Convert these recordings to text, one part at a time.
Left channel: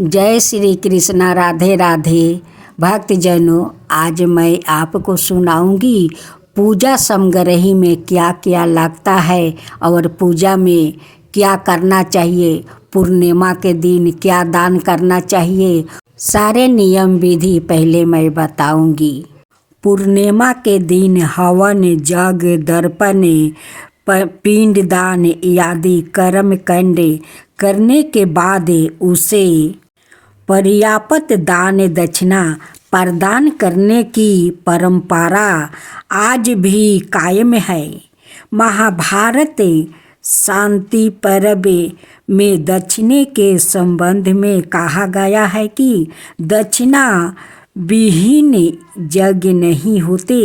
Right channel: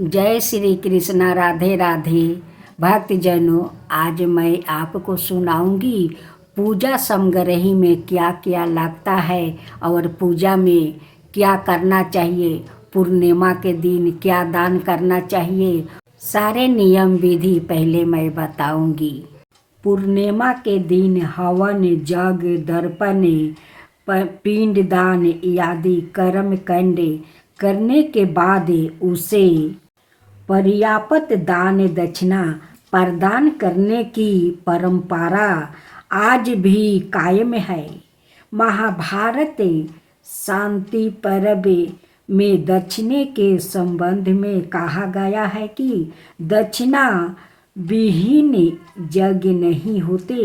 जय श्री कृष्णा। राधे राधे भक्तजनों, आज मैं आपको सुनाऊंगी पूजा समग्रही में क्या क्या लगता है और पूजा में क्या करना चाहिए। पूर्णिमा के दिन क्या दान करना चाहिए, सारे नियम विधि पहले मैं बताऊंगी। पूर्णिमा के दिन हवन, यज्ञ, दर्पण, पिंडदान आदि कर्म कांड करने के बाद उसे पर्याप्त दान दक्षिणा प्रदान करने की परंपरा आज भी कायम है। महाभारत शांति पर्व में दक्षिणे के संबंध में कहा गया है कि दक्षिणा विहीन यज्ञ नहीं होते।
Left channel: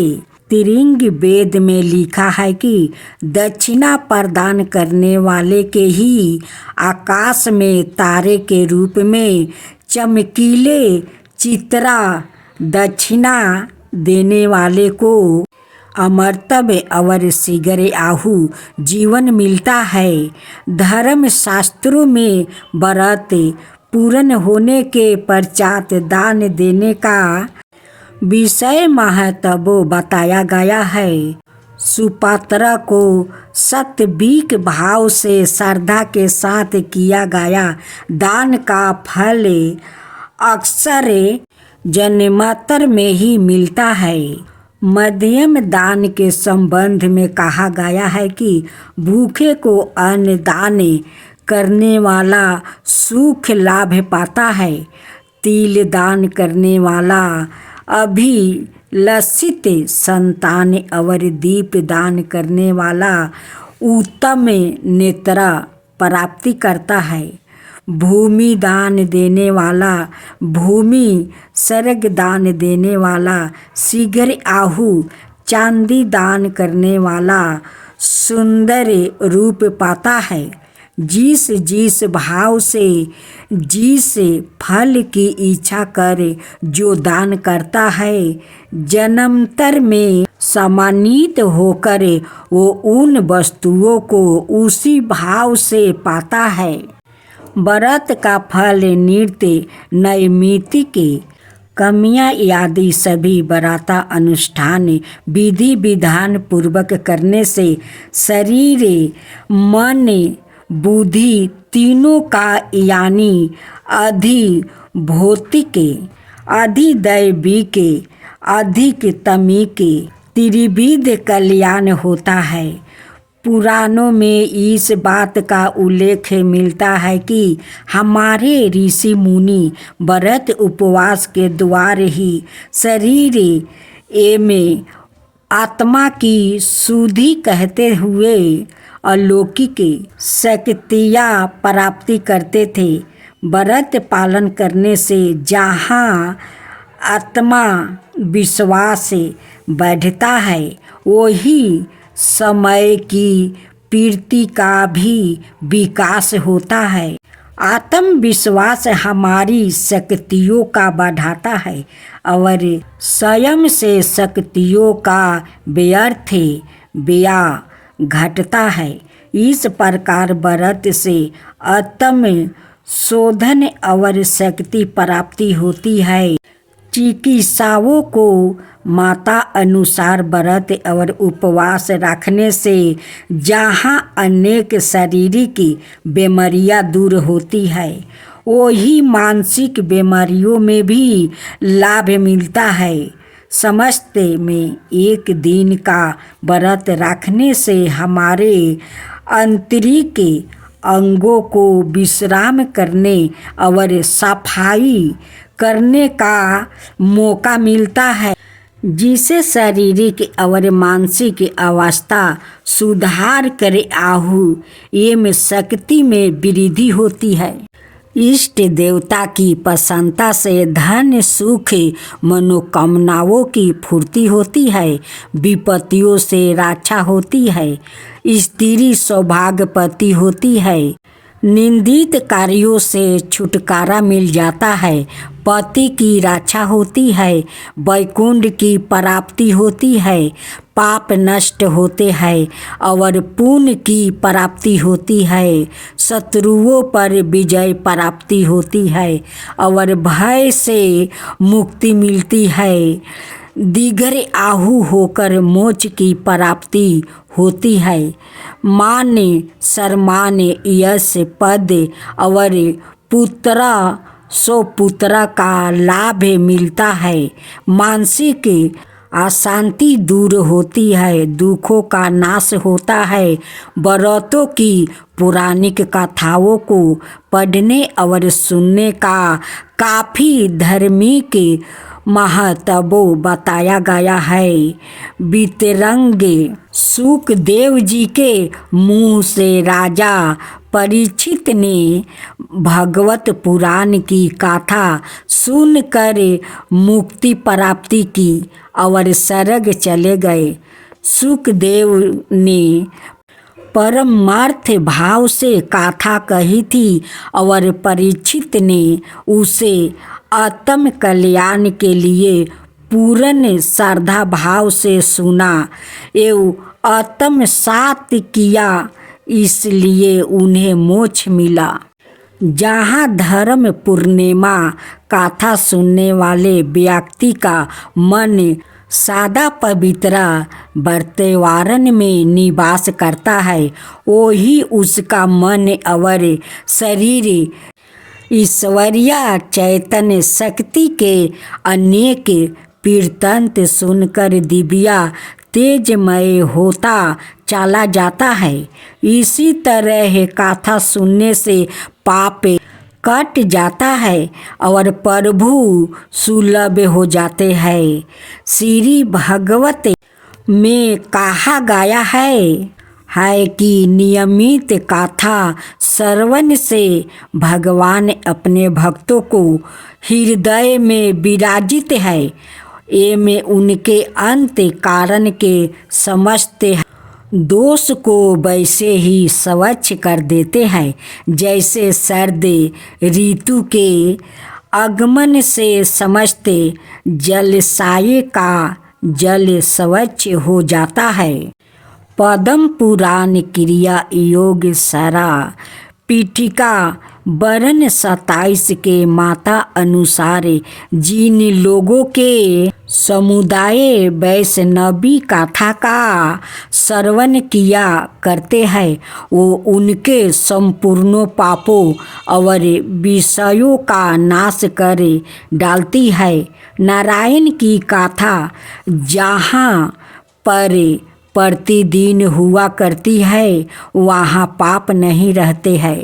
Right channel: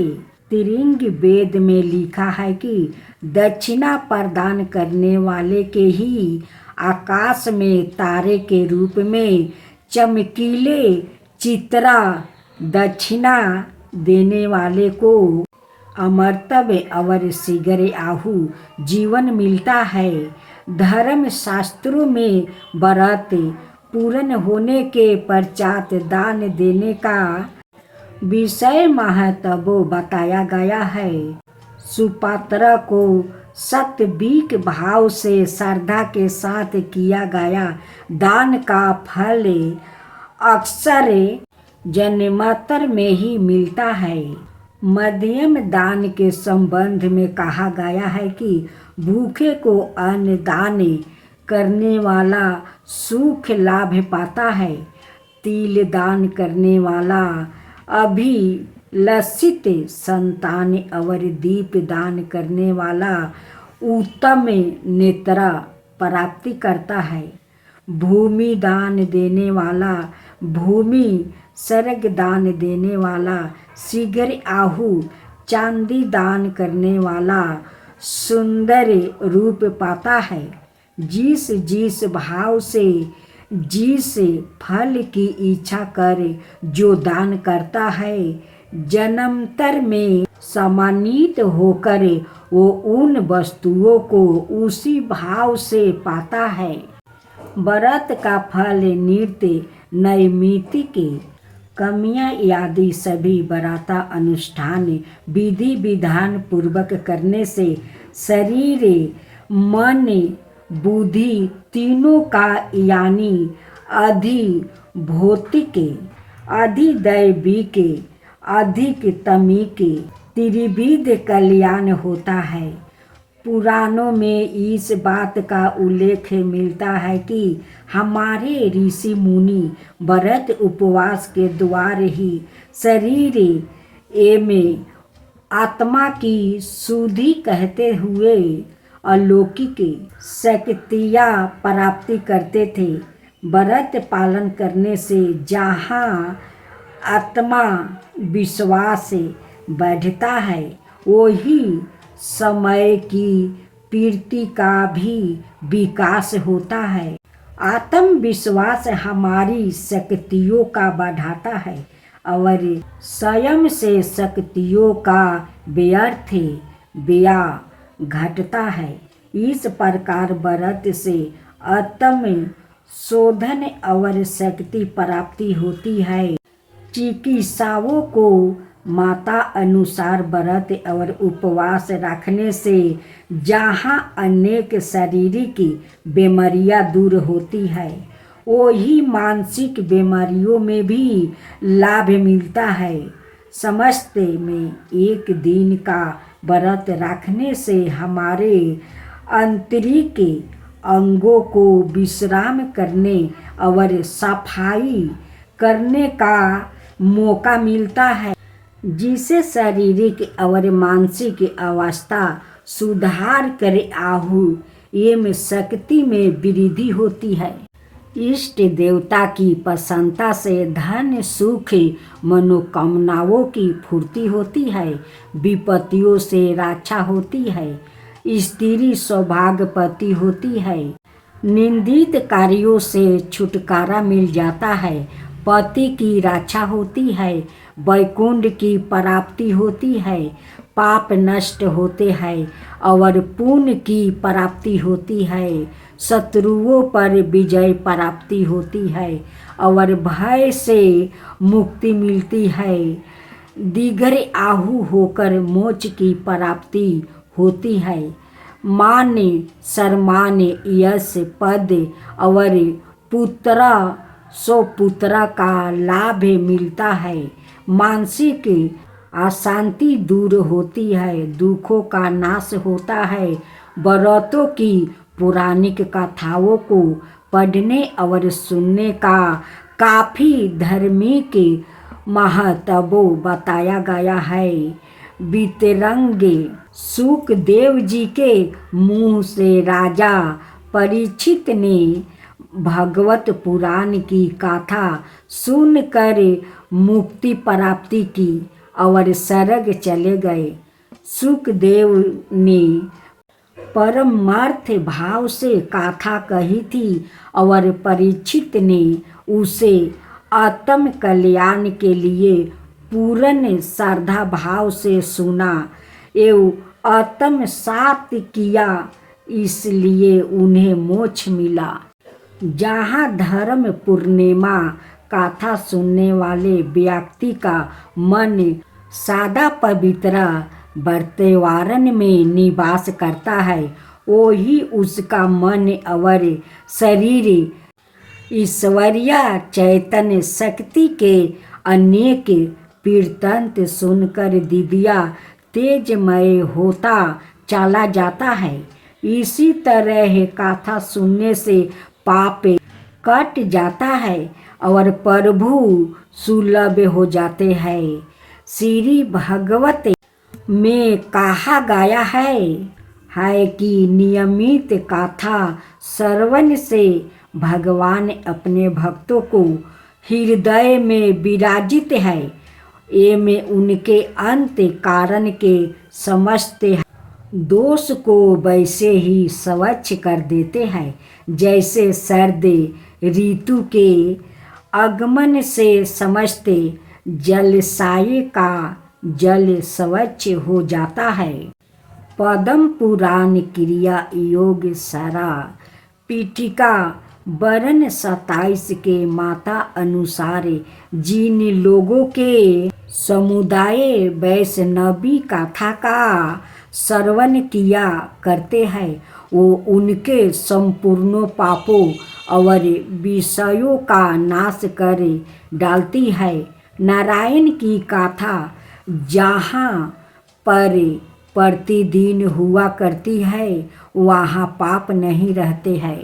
त्रिंग वेद में लिखा है कि दक्षिणा प्रदान करने वाले के ही आकाश में तारे के रूप में चमकीले चित्रा, दक्षिणा देने वाले को अमरत्व और शीघ्र आहु जीवन मिलता है। धर्म शास्त्रों में व्रत पूर्ण होने के पश्चात दान देने का विषय महत्व बताया गया है। सुपात्रा को सात्विक भाव से श्रद्धा के साथ किया गया दान का फल अक्सर जन्मांतर में ही मिलता है। मध्यम दान के संबंध में कहा गया है कि भूखे को अन्न दान करने वाला सुख लाभ पाता है। तिल दान करने वाला अभिलषित संतान और दीप दान करने वाला उत्तम नेत्र प्राप्ति करता है। भूमि दान देने वाला भूमि, स्वर्ग दान देने वाला शीघ्र आहु, चांदी दान करने वाला सुंदर रूप पाता है। जिस जिस भाव से जिस फल की इच्छा कर जो दान करता है, जन्मांतर में सम्मानित होकर वो उन वस्तुओं को उसी भाव से पाता है। व्रत का फल, नृत्य, नैमित्तिक कमियाँ आदि सभी व्रत अनुष्ठान विधि विधान पूर्वक करने से शरीर, मन, बुद्धि तीनों का यानी अधिभौतिक, अधिदैविक, अधिकतमिक त्रिविध कल्याण होता है। पुराणों में इस बात का उल्लेख मिलता है कि हमारे ऋषि मुनि व्रत उपवास के द्वारा ही शरीर एवं आत्मा की शुद्धि कहते हुए अलौकिक शक्तियाँ प्राप्ति करते थे। व्रत पालन करने से जहाँ आत्मा विश्वास बढ़ता है, वही समय की प्रवृत्ति का भी विकास होता है। आत्मविश्वास हमारी शक्तियों का बढ़ाता है और स्वयं से शक्तियों का व्यर्थ व्यय घटता है। इस प्रकार व्रत से आत्म शोधन और शक्ति प्राप्ति होती है। चिकित्साओं को माता अनुसार व्रत और उपवास रखने से जहाँ अनेक शारीरिक बीमारियाँ दूर होती है, वही मानसिक बीमारियों में भी लाभ मिलता है। समस्त में एक दिन का व्रत रखने से हमारे आंतरिक अंगों को विश्राम करने और सफाई करने का मौका मिलता है, जिससे शारीरिक और मानसिक अवस्था सुधार कर आहु एवं शक्ति में वृद्धि होती है। इष्ट देवता की प्रसन्नता से धन, सुख, मनोकामनाओं की पूर्ति होती है। विपत्तियों से रक्षा होती है। स्त्री सौभाग्यवती होती है। निंदित कार्यों से छुटकारा मिल जाता है। पति की रक्षा होती है, वैकुंठ की प्राप्ति होती है, पाप नष्ट होते हैं और पुण्य की प्राप्ति होती है, शत्रुओं पर विजय प्राप्ति होती है और भय से मुक्ति मिलती है। दीर्घ आहु होकर मोक्ष की प्राप्ति होती है। मान सम्मान यश पद और पुत्र सो पुत्र का लाभ मिलता है। मानसिक अशांति दूर होती है, दुखों का नाश होता है। व्रतों की पौराणिक कथाओं को पढ़ने और सुनने का काफ़ी धार्मिक महत्व बताया गया है। वितरंग सुखदेव जी के मुँह से राजा परीक्षित ने भागवत पुराण की कथा सुनकर मुक्ति प्राप्ति की और स्वर्ग चले गए। सुखदेव ने परमार्थ भाव से कथा कही थी और परीक्षित ने उसे आत्म कल्याण के लिए पूर्ण श्रद्धा भाव से सुना एवं आत्मसात किया, इसलिए उन्हें मोक्ष मिला। जहाँ धर्म पूर्णिमा कथा सुनने वाले व्यक्ति का मन सदा पवित्र वातावरण में निवास करता है, वही उसका मन और शरीर ईश्वरीय चैतन्य शक्ति के अनेक कीर्तन सुनकर दिव्या तेजमय होता चला जाता है। इसी तरह कथा सुनने से पाप कट जाता है और प्रभु सुलभ हो जाते हैं। श्री भागवत में कहा गया है कि नियमित कथा श्रवण से भगवान अपने भक्तों को हृदय में विराजित है। ये में उनके अंत कारण के समस्त दोष को वैसे ही स्वच्छ कर देते हैं जैसे सर्द ऋतु के आगमन से समस्त जलाशय का जल स्वच्छ हो जाता है। पद्म पुराण क्रिया योग सारा पीठिका वर्ण 27 के माता अनुसार जिन लोगों के समुदाय वैष्णवी कथा का श्रवण किया करते हैं वो उनके संपूर्ण पापों और विषयों का नाश कर डालती है। नारायण की कथा जहाँ पर प्रतिदिन हुआ करती है वहाँ पाप नहीं रहते हैं।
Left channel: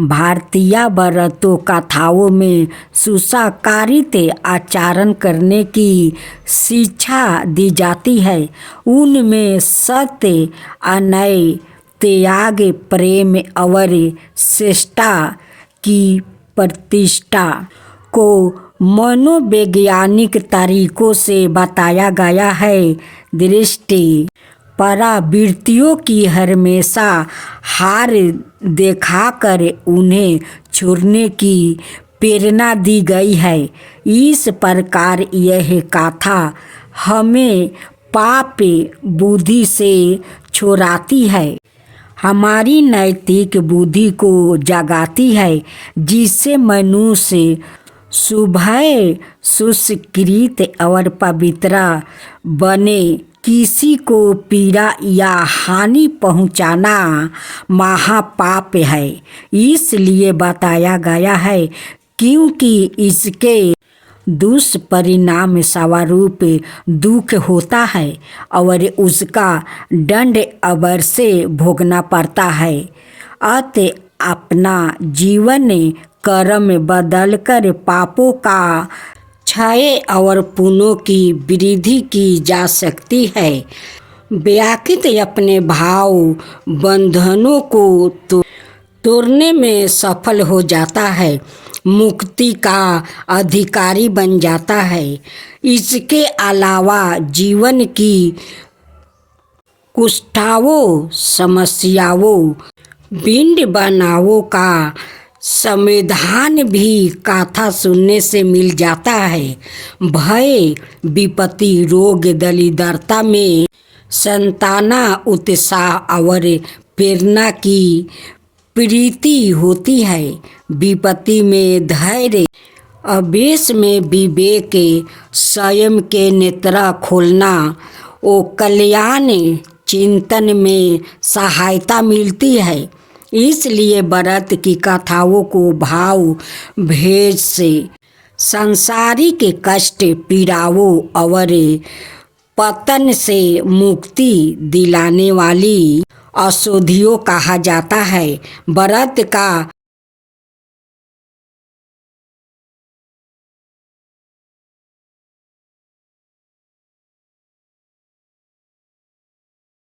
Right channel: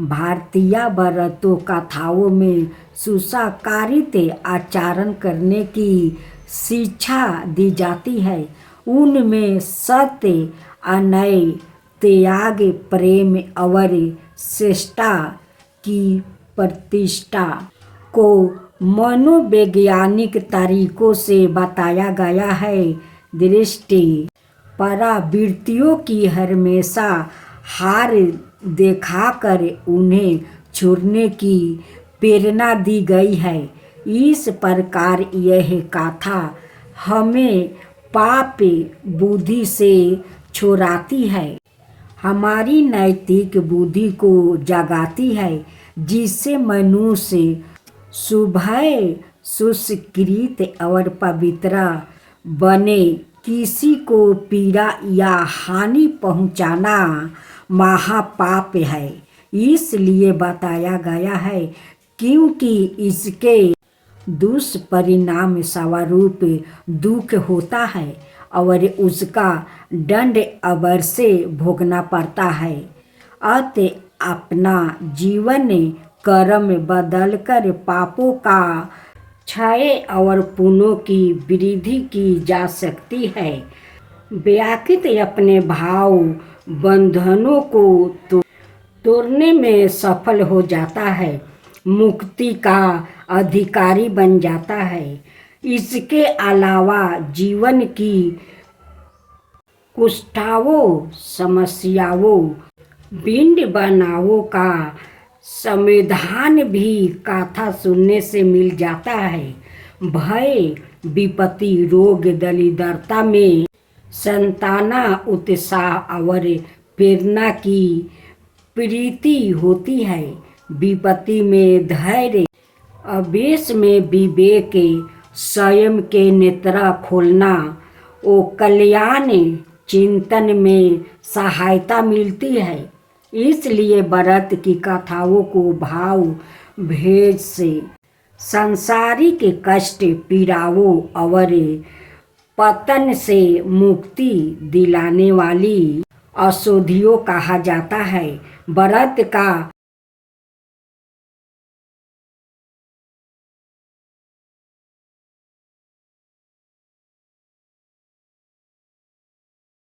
भारतीय व्रतों कथाओं में सुसंस्कारित आचरण करने की शिक्षा दी जाती है। उनमें सत्य, अन्याय, त्याग, प्रेम और श्रेष्ठता की प्रतिष्ठा को मनोवैज्ञानिक तरीकों से बताया गया है। दृष्टि परावृत्तियों की हमेशा हार दिखाकर उन्हें छोड़ने की प्रेरणा दी गई है। इस प्रकार यह कथा हमें पाप बुद्धि से छुड़ाती है, हमारी नैतिक बुद्धि को जगाती है, जिससे मनुष्य शुभ्र सुसंस्कृत और पवित्र बने। किसी को पीड़ा या हानि पहुंचाना महापाप है, इसलिए बताया गया है क्योंकि इसके दुष्परिणाम स्वरूप दुख होता है और उसका दंड अवश्य भोगना पड़ता है। अतः अपना जीवन कर्म बदलकर पापों का क्षय और पुण्यों की वृद्धि की जा सकती है। व्यक्ति अपने भाव बंधनों को तोड़ने में सफल हो जाता है, मुक्ति का अधिकारी बन जाता है। इसके अलावा जीवन की कुष्ठाओं समस्याओं भिन्न बनावों का संविधान भी गाथा सुनने से मिल जाता है। भय विपत्ति रोग दरिद्रता में संताना उत्साह और प्रेरणा की प्रीति होती है। विपत्ति में धैर्य, आवेश में विवेक, स्वयं के नेत्र खोलना ओ कल्याण चिंतन में सहायता मिलती है। इसलिए व्रत की कथाओं को भाव भेद से सांसारिक कष्ट पीड़ाओं और पतन से मुक्ति दिलाने वाली औषधियों कहा जाता है। व्रत का